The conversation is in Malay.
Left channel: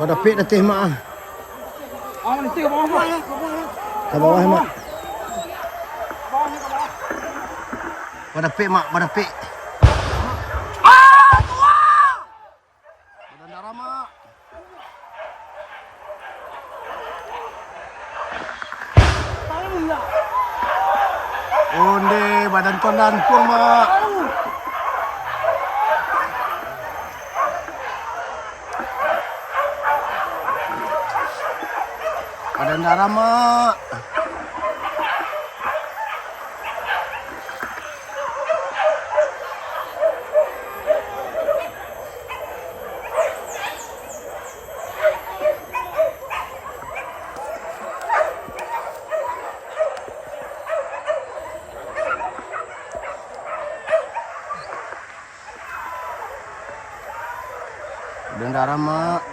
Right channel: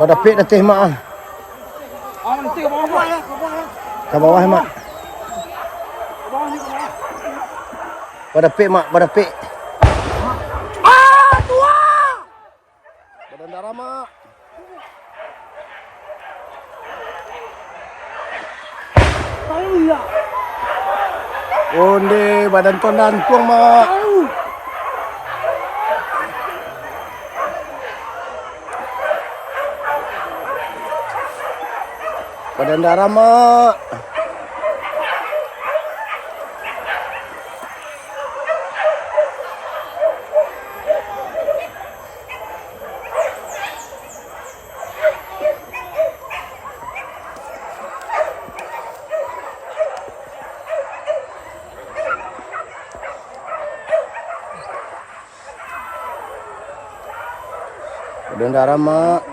Badapik datih mak ah. Nanti ke bawah ya. Ke bawah mak. Badapik mak, badapik. Tua. Badan darah mak. Iya. Onde badan tuan dan tuang mak. Badan darah mak. Badan darah mak.